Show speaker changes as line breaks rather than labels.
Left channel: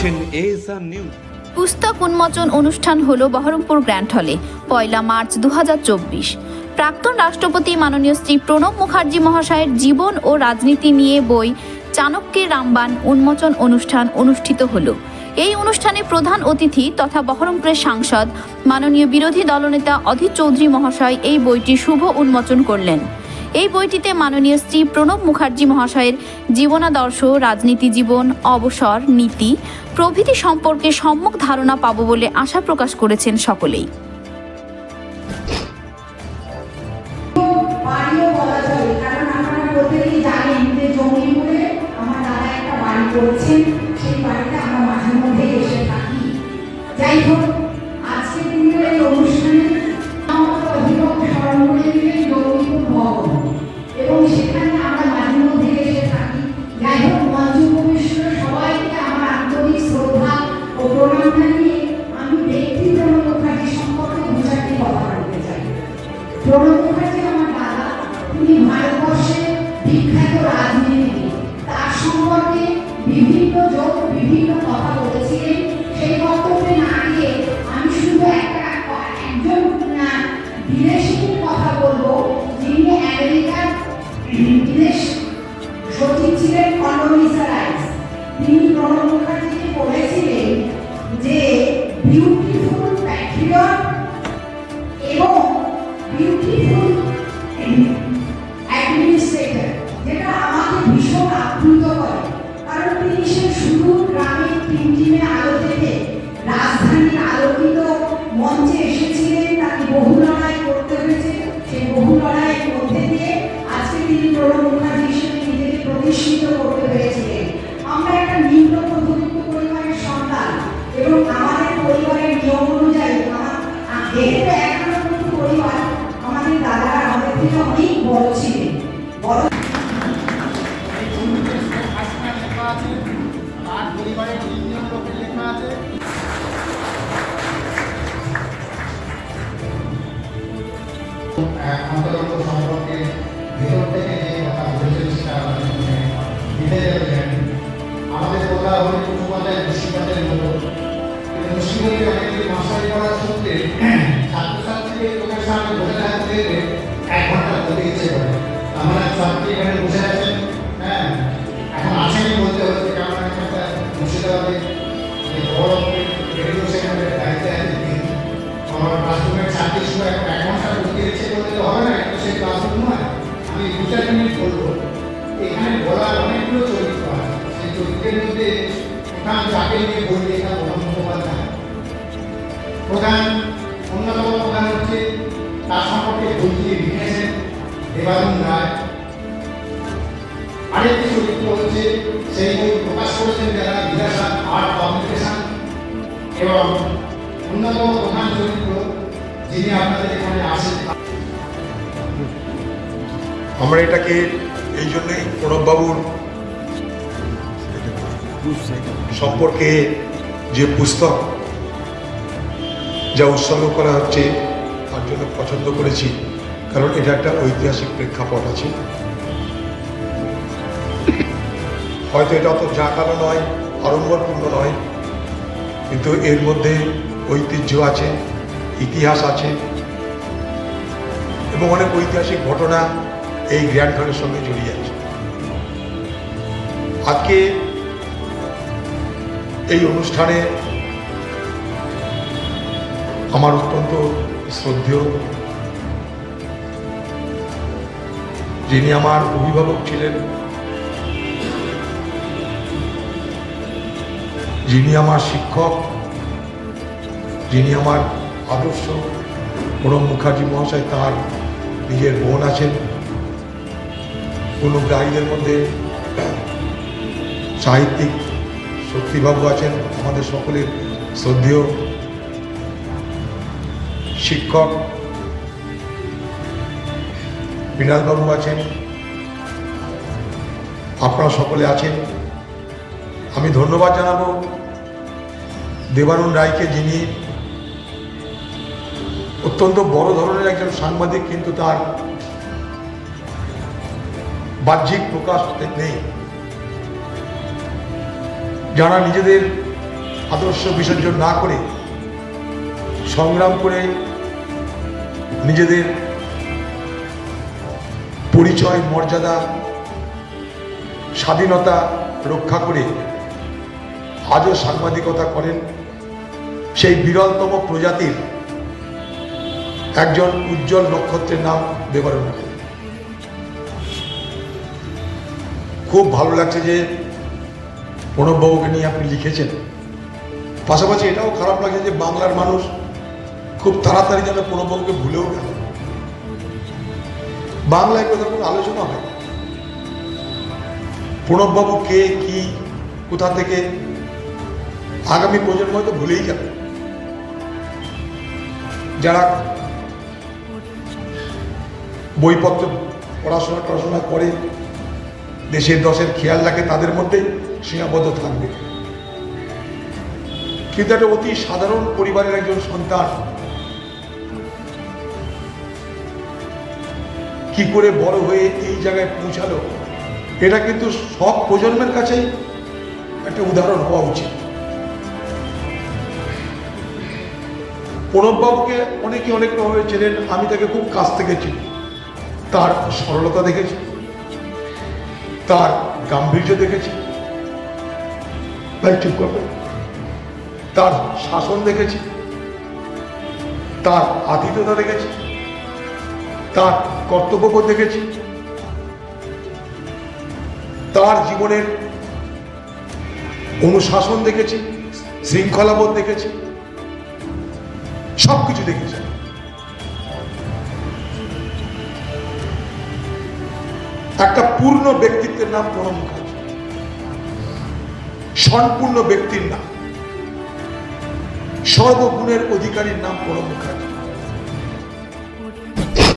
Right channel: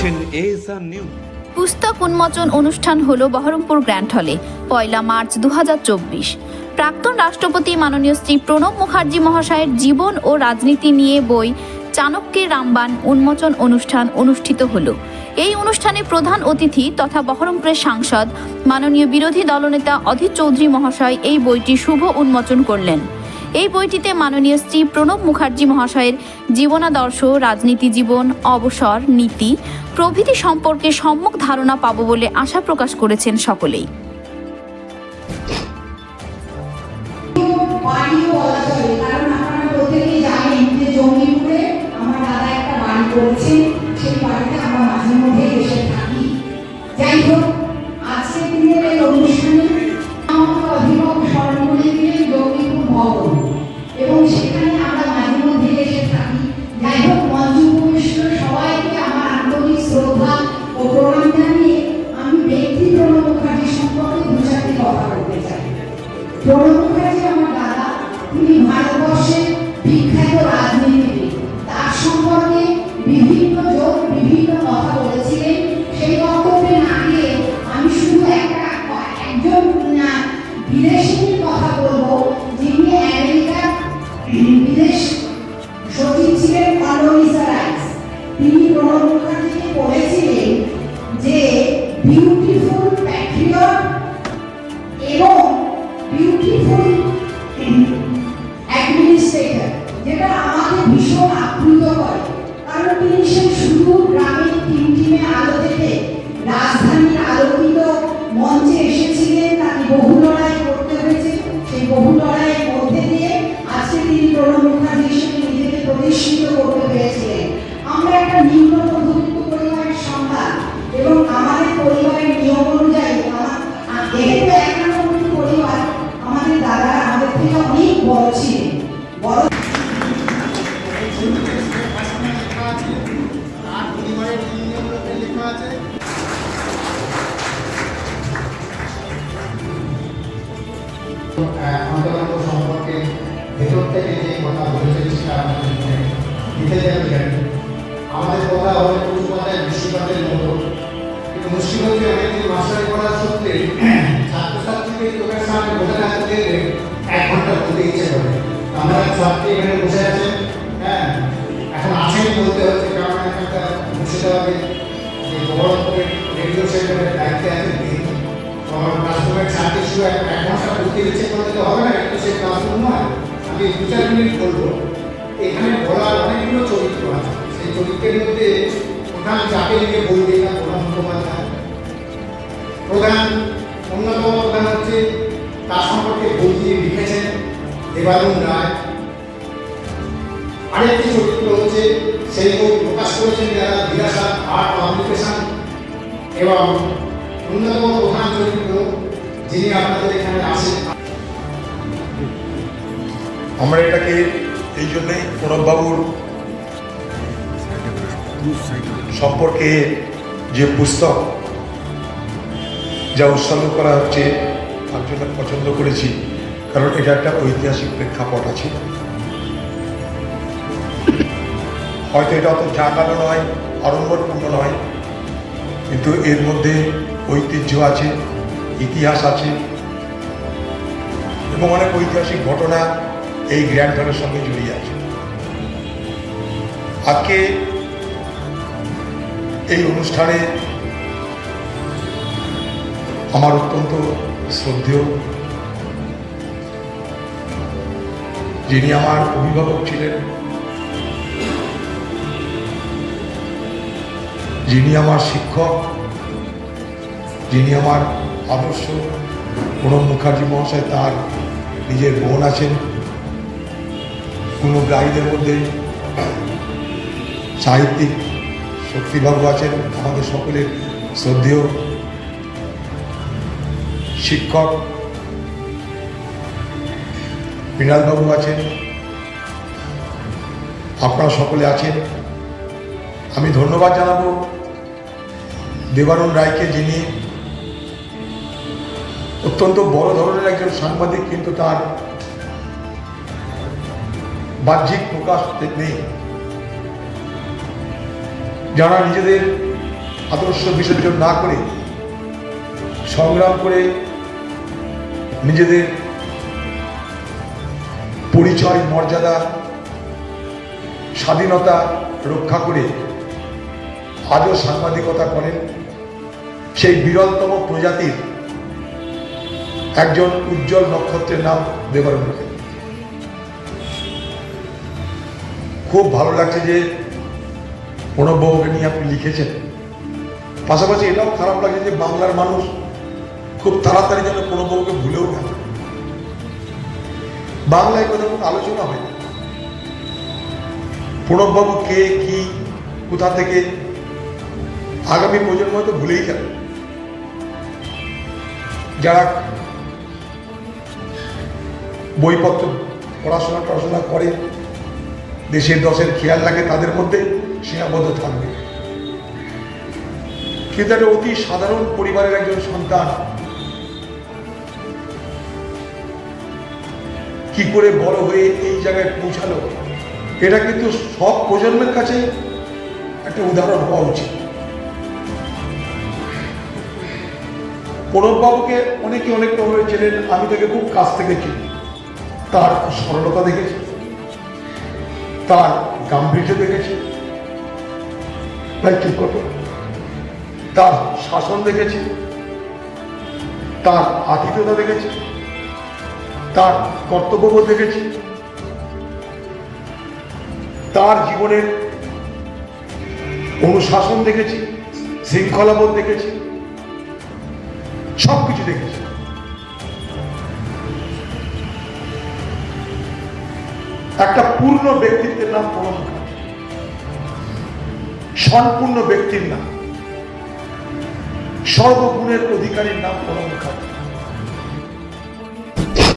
দেখছেন নিউজ
পুস্তক উন্মোচন অনুষ্ঠান হলো বহরমপুর গ্র্যান্ড হলে, পয়লা মার্চ দু হাজার চব্বিশ। প্রাক্তন রাষ্ট্রপতি মাননীয় শ্রী প্রণব মুখার্জি মহাশয়ের জীবন ও রাজনীতি নিয়ে বই চাণক্যের রামবান উন্মোচন অনুষ্ঠান অনুষ্ঠিত হলো। এই অনুষ্ঠানে প্রধান অতিথি তথা বহরমপুরের সাংসদ মাননীয় বিরোধী দলনেতা অধীর চৌধুরী মহাশয় এই বইটি শুভ উন্মোচন করলেন। এই বইটিতে মাননীয় শ্রী প্রণব মুখার্জি মহাশয়ের জীবনাদর্শ, রাজনীতি জীবন, অবসর, নীতি, প্রভৃতি সম্পর্কে সম্যক ধারণা পাব বলে আশা প্রকাশ করেছেন সকলেই।
টিমটিমে আলো থেকে রাজধানীর আলোকিত মঞ্চে এসেছিলেন তাকে বহু লড়াই হয়েছে। সেই বহু লড়াইয়ের মধ্যে তিনি প্রণব মুখার্জি হিসেবে প্রতিষ্ঠিত করতে পেরেছিলেন। আমরা একটা নিম্ন মধ্যবিত্ত পরিবারের এবং আমাদের পরিবারের নিয়ম অনুযায়ী যেহেতু এক পরিবার আমাদের দাদা আমাদের অনেক বড় ছিলেন।
সম্পর্কে ভেতর থেকে কথা বলেছেন সেটা অনেক উচ্চপাতায় করা সত্ত্বে ছাত্রছাত্রীকে চোখের সামনে এক ঘণ্টা বলতে ইচ্ছে করে আমরা ছাত্রী এখানে বসে আছেন হ্যাঁ এখন আছেনই বলতে হচ্ছে। এখানকার মুর্শিদাবাদের যে বহরমপুরের রেডিও সেন্টারের দায়িত্বে আছেন তিনি আমার ক্লাসরুমের ছাত্রী শুধু এক এক ঘণ্টা পড়তে ইচ্ছে করলে তো হবে না কিন্তু সেই ক্লাসরুম নয় আমি দু চার মিনিট বলব এখানে বলার অনেকগুলো চরিত্র আছে সেই চরিত্রের মধ্যে প্রধান যাকে নিয়ে বই লেখা প্রধান মুখোপাধ্যায় প্রধান অন্যতম প্রধান হচ্ছে তার সম্পর্কে বই দিয়ে লিখেছেন দেবারুণ রায়। আরেকটি চরিত্র হচ্ছে, সেই বই প্রকাশ করেছেন যারা বিলাসা আর্ট পাবলিকেশন। এবং অন্যতম প্রধান চরিত্র যিনি আপনাদের এখানে আসেন
আমরা এটাকে এই জন্যই প্রণববাবুর সম্পর্কে যে পুস্তক যা উৎসর্গ করা হচ্ছে, তার জন্য পছন্দ করেছি, কারণ এটা একটা ঐতিহাসিক প্রেক্ষাপট আছে। হয়তো এটা অত জাঁকালো নয় আড়ম্বরপূর্ণ নয়, কিন্তু এর মধ্যে ঐতিহ্য আছে, ইতিহাস আছে এবং অনেক ঐতিহাসিক ঘটনা এই গ্র্যান্ড ফানের সঙ্গে জড়িয়ে আছে। আজকে এই অনুষ্ঠানে আমার অত্যন্ত শ্রদ্ধেয় যিনি আমার অভিভাবক ছিলেন যিনি আমার শিক্ষক, যিনি আমার আদর্শ প্রণব মুখার্জি মহাশয় তার নিজের বোন আছেন। পূর্ণগ্রাহীদের মধ্যে সাহিত্যিক শক্তিবাবু আছেন, আমাদের সকলের শ্রদ্ধেয় শিক্ষক। মৃণালবাবু আছেন, আপনারা সকলে আছেন। আমি ধন্যবাদ জানাব। দেবানন্দ রায়কে, যিনি অত্যন্ত বড় ধরনের একজন সাংবাদিক, কিন্তু তার বাহ্যিক প্রকাশ নেই। যারা নিজেদের আদর্শ বিসর্জন না করে সংগ্রাম করে নিজেদের পরিচয়, মর্যাদা, স্বাধীনতা রক্ষা করে আজও সাংবাদিকতা করেন সেই বিরলতম প্রজাতির একজন উজ্জ্বল নক্ষত্রের নাম মুখার্জি খুব ভালো লাগছে যে প্রণববাবুকে নিয়ে আপনি লিখেছেন। পাশাপাশি এটাও খারাপ লাগছে যে বাংলার মানুষ খুব তাড়াতাড়ি যেন প্রণববাবুকে ভুলেও গেল। বাংলায় কথা কোনো আলোচনা হয় না। প্রণববাবু কে, কি, কোথা থেকে আগামী প্রজন্ম হয়তো ভুলেই যাবে। যারা বইপত্র পড়াশোনা টড়াশোনা করে, দেশের দশের খেয়াল রাখে, তাদের মধ্যে সীমাবদ্ধ থাকবে। কিন্তু একটা অতি সাধারণ পরিবারের একজন সন্তান কি করে বড় হয়ে এই জায়গায় পৌঁছালো, এটা কিন্তু সব প্রজন্মের কাছেই একটা উদাহরণ হওয়া উচিত। প্রণববাবুকে অনেকে অনেক রকমের চেনেন, আমি তাকে খুব কাছ থেকে চিনি। তার সরলতা দেখেছি। তার গাম্ভীর্য দেখেছি। তাই চুপ তার শাসন দেখেছি। তার আতিথ্যতা দেখেছি। তার কর্তব্যবোধ দেখেছি। তার জীবনের অনুশাসন দেখেছি। শৃঙ্খলাবোধ দেখেছি। একটা পূর্ণ ব্যক্তিত্বের নাম পরম সম্পূর্ণ ব্যক্তির নাম। সর্বগুণের অধিকারীর নাম পরম মুখার্জি